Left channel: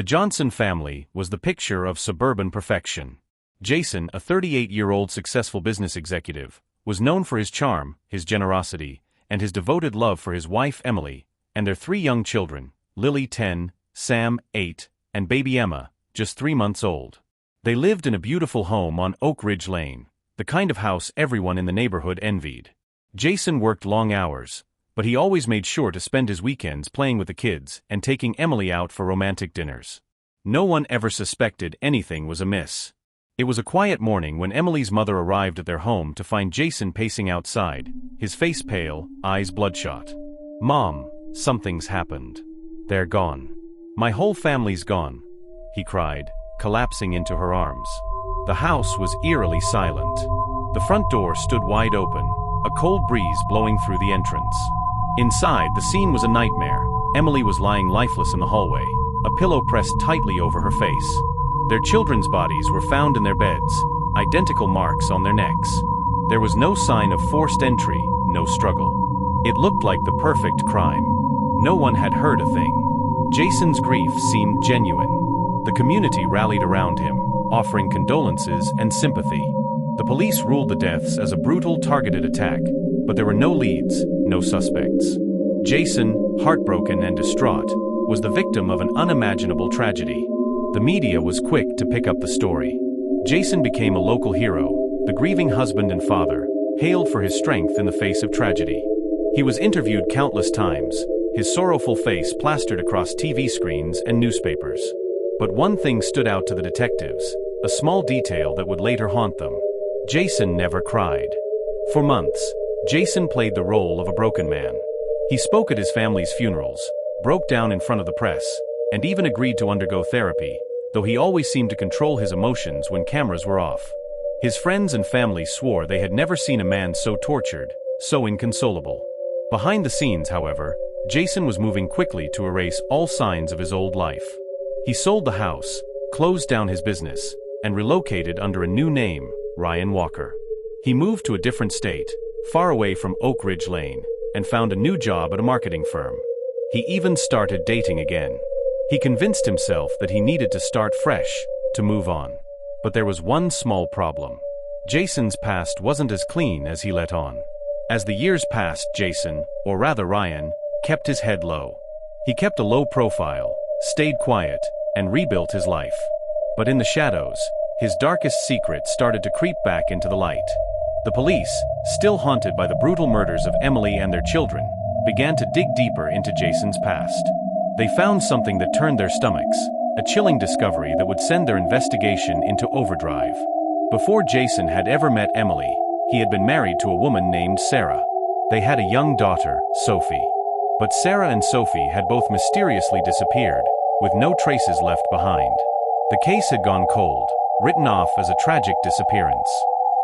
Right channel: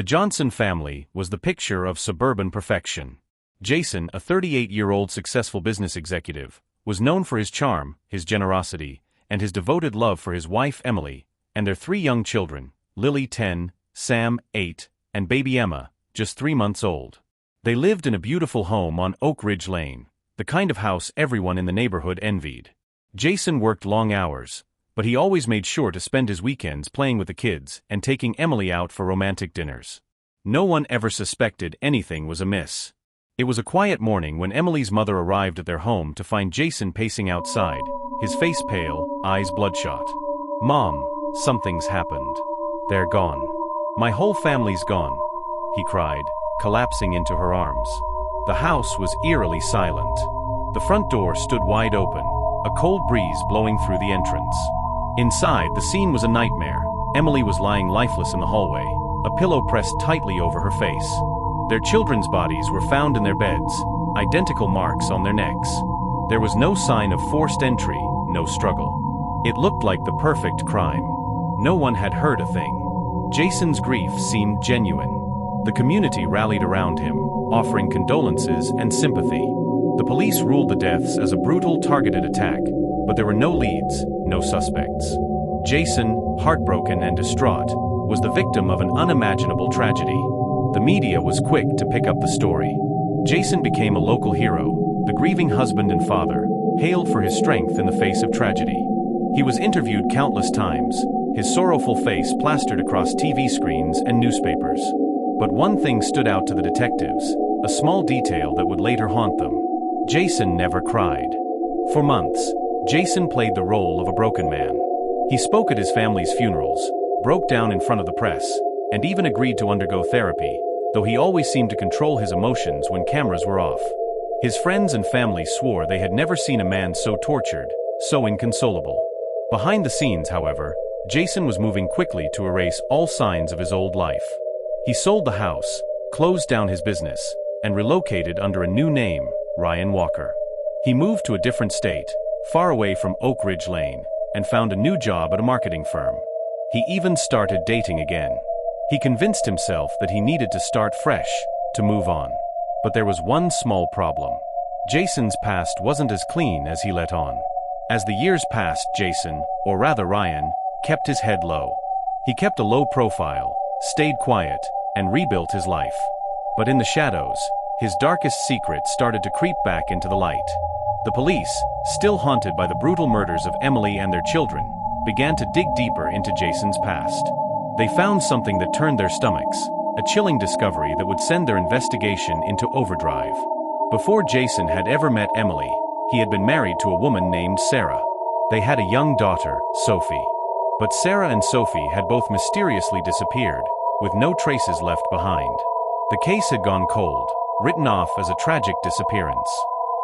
The Johnson family was the picture of suburban perfection. Jason, a 38-year-old successful business executive, was known for his charm, his generosity, and his devoted love for his wife Emily, and their 3 young children, Lily 10, Sam 8, and baby Emma, just 3 months old. They lived in a beautiful home on Oak Ridge Lane, the kind of house everyone in the neighborhood envied. Jason worked long hours, but he always made sure to spend his weekends playing with the kids and taking Emily out for romantic dinners. No one ever suspected anything was amiss. It was a quiet morning when Emily's mother arrived at their home to find Jason pacing outside, his face pale, eyes bloodshot. "Mom, something's happened. They're gone. My whole family's gone," he cried, collapsing into her arms. The house was eerily silent. The front door stood wide open, a cold breeze blowing through the entrance. Inside, the scene was a nightmare. Emily was lying lifeless in the hallway, a pillow pressed tightly over her face. Their children's bodies were found in their beds, identical marks on their necks. There was no sign of forced entry, no struggle. It looked like the perfect crime. No one had heard a thing. Jason's grief seemed genuine. The community rallied around him, offering condolences and sympathy. The police ruled the deaths as a brutal, targeted attack, but there were no leads, no suspects. Jason, heartbroken and distraught, was the victim of an unimaginable tragedy. The media was quick to pick up the story. Jason became a local hero, the grieving husband and father, hailed for his strength in the face of tragedy. He was interviewed countless times, his sorrowful face plastered across TV screens and newspapers. But one thing stood out to the detectives, a small detail that would later haunt them. Jason never cried. For months, Jason played the role of a broken man. He spoke at his family's funerals, broke down in front of the press, and even agreed to undergo therapy, though he always seemed to control his emotions when cameras were off. His friends and family swore they had never seen a man so tortured, so inconsolable. Behind the scenes, however, Jason was moving quickly to erase all signs of his old life. He sold the house, closed down his business, and relocated under a new name, Ryan Walker. He moved to a different state, far away from Oak Ridge Lane, and found a new job at a marketing firm. He even started dating again. He convinced himself that he needed to start fresh, to move on. But there was one small problem. Jason's past wasn't as clean as he let on. As the years passed, Jason, or rather Ryan, kept his head low. He kept a low profile, stayed quiet, and rebuilt his life. But in the shadows, his darkest secrets started to creep back into the light. The police, still haunted by the brutal murders of Emily and their children, began to dig deeper into Jason's past. They found something that turned their stomachs, a chilling discovery that would send their investigation into overdrive. Before Jason had ever met Emily, he had been married to a woman named Sarah. They had a young daughter, Sophie. But Sarah and Sophie had both mysteriously disappeared, with no traces left behind. The case had gone cold, written off as a tragic disappearance.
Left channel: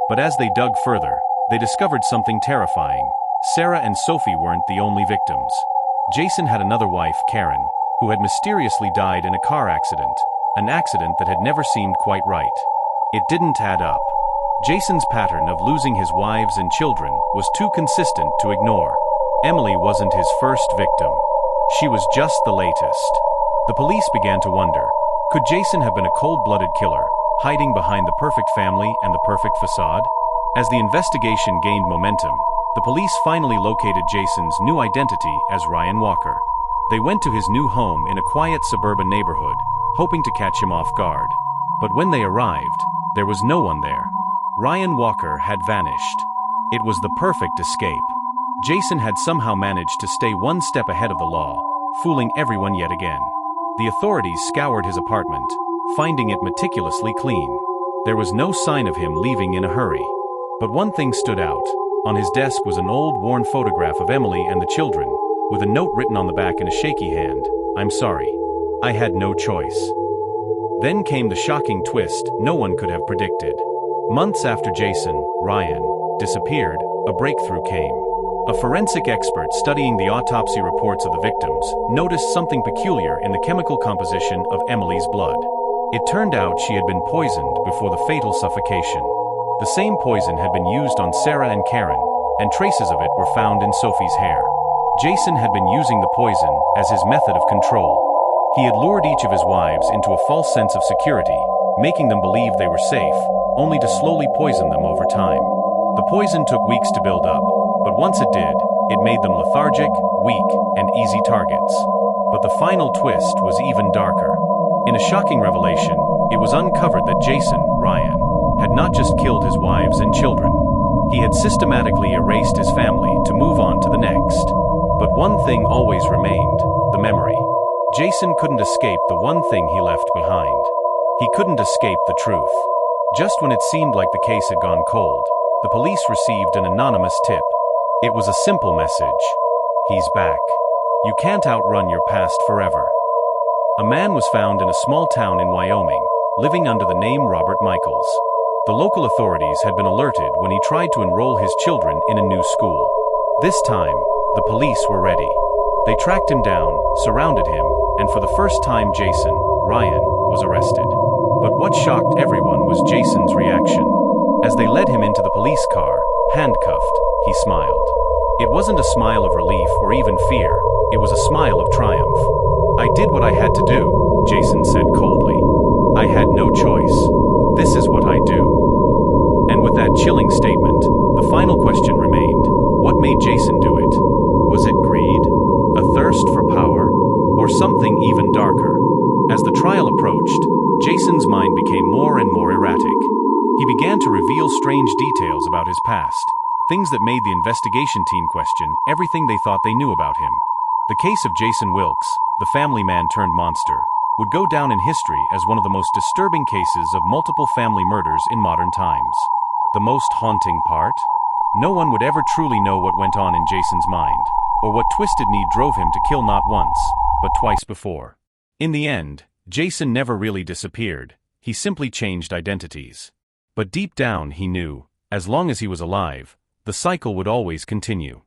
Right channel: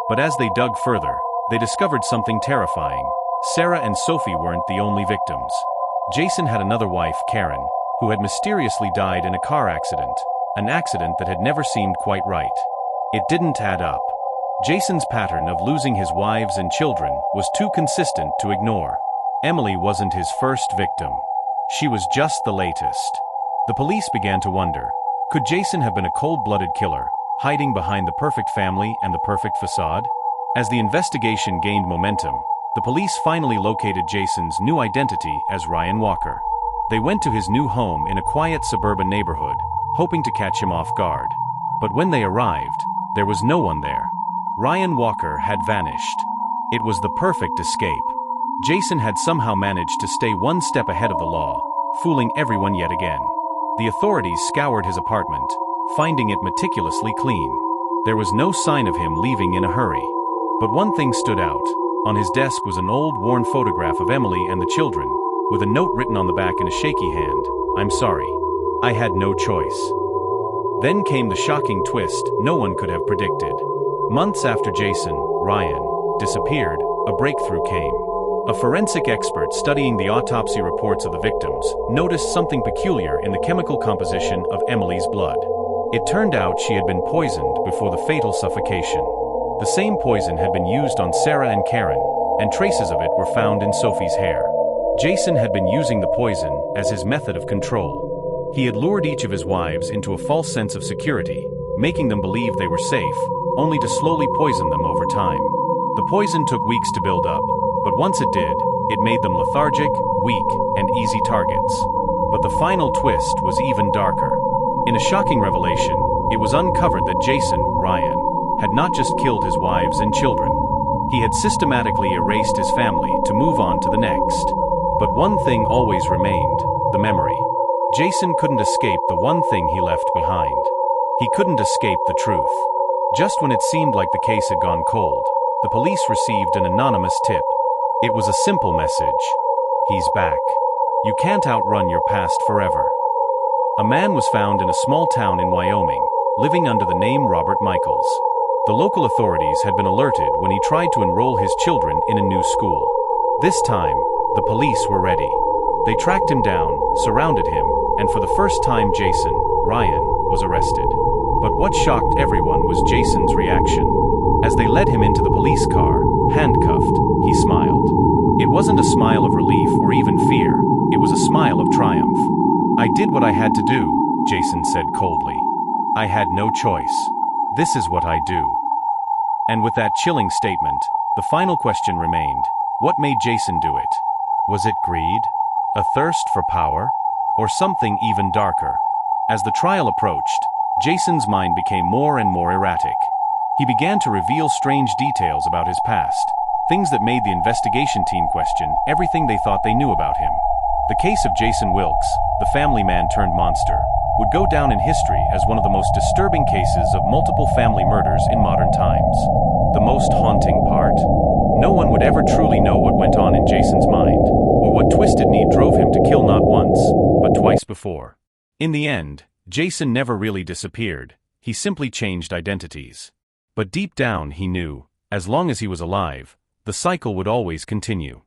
But as they dug further, they discovered something terrifying. Sarah and Sophie weren't the only victims. Jason had another wife, Karen, who had mysteriously died in a car accident, an accident that had never seemed quite right. It didn't add up. Jason's pattern of losing his wives and children was too consistent to ignore. Emily wasn't his first victim. She was just the latest. The police began to wonder, could Jason have been a cold-blooded killer, hiding behind the perfect family and the perfect facade? As the investigation gained momentum, the police finally located Jason's new identity as Ryan Walker. They went to his new home in a quiet suburban neighborhood, hoping to catch him off guard. But when they arrived, there was no one there. Ryan Walker had vanished. It was the perfect escape. Jason had somehow managed to stay one step ahead of the law, fooling everyone yet again. The authorities scoured his apartment, finding it meticulously clean. There was no sign of him leaving in a hurry. But one thing stood out. On his desk was an old, worn photograph of Emily and the children, with a note written on the back in a shaky hand, "I'm sorry. I had no choice." Then came the shocking twist no one could have predicted. Months after Jason, Ryan, disappeared, a breakthrough came. A forensic expert studying the autopsy reports of the victims noticed something peculiar in the chemical composition of Emily's blood. It turned out she had been poisoned before the fatal suffocation. The same poison had been used on Sarah and Karen, and traces of it were found in Sophie's hair. Jason had been using the poison as his method of control. He had lured each of his wives into a false sense of security, making them believe they were safe, only to slowly poison them over time. The poison took weeks to build up, but once it did, it made them lethargic, weak, and easy targets. But the final twist was even darker. In a shocking revelation, it was uncovered that Jason, Ryan, had not just killed his wives and children. He had systematically erased his family to move on to the next. But one thing always remained: the memory. Jason couldn't escape the one thing he left behind. He couldn't escape the truth. Just when it seemed like the case had gone cold, the police received an anonymous tip. It was a simple message: he's back. You can't outrun your past forever. A man was found in a small town in Wyoming, living under the name Robert Michaels. The local authorities had been alerted when he tried to enroll his children in a new school. This time, the police were ready. They tracked him down, surrounded him, and for the first time Jason, Ryan, was arrested. But what shocked everyone was Jason's reaction. As they led him into the police car, handcuffed, he smiled. It wasn't a smile of relief or even fear, it was a smile of triumph. "I did what I had to do," Jason said coldly. "I had no choice. This is what I do." And with that chilling statement, the final question remained: what made Jason do it? Was it greed? A thirst for power? Or something even darker? As the trial approached, Jason's mind became more and more erratic. He began to reveal strange details about his past, things that made the investigation team question everything they thought they knew about him. The case of Jason Wilkes, the family man turned monster, would go down in history as one of the most disturbing cases of multiple family murders in modern times. The most haunting part? No one would ever truly know what went on in Jason's mind, or what twisted need drove him to kill not once, but twice before. In the end, Jason never really disappeared, he simply changed identities. But deep down he knew, as long as he was alive, the cycle would always continue.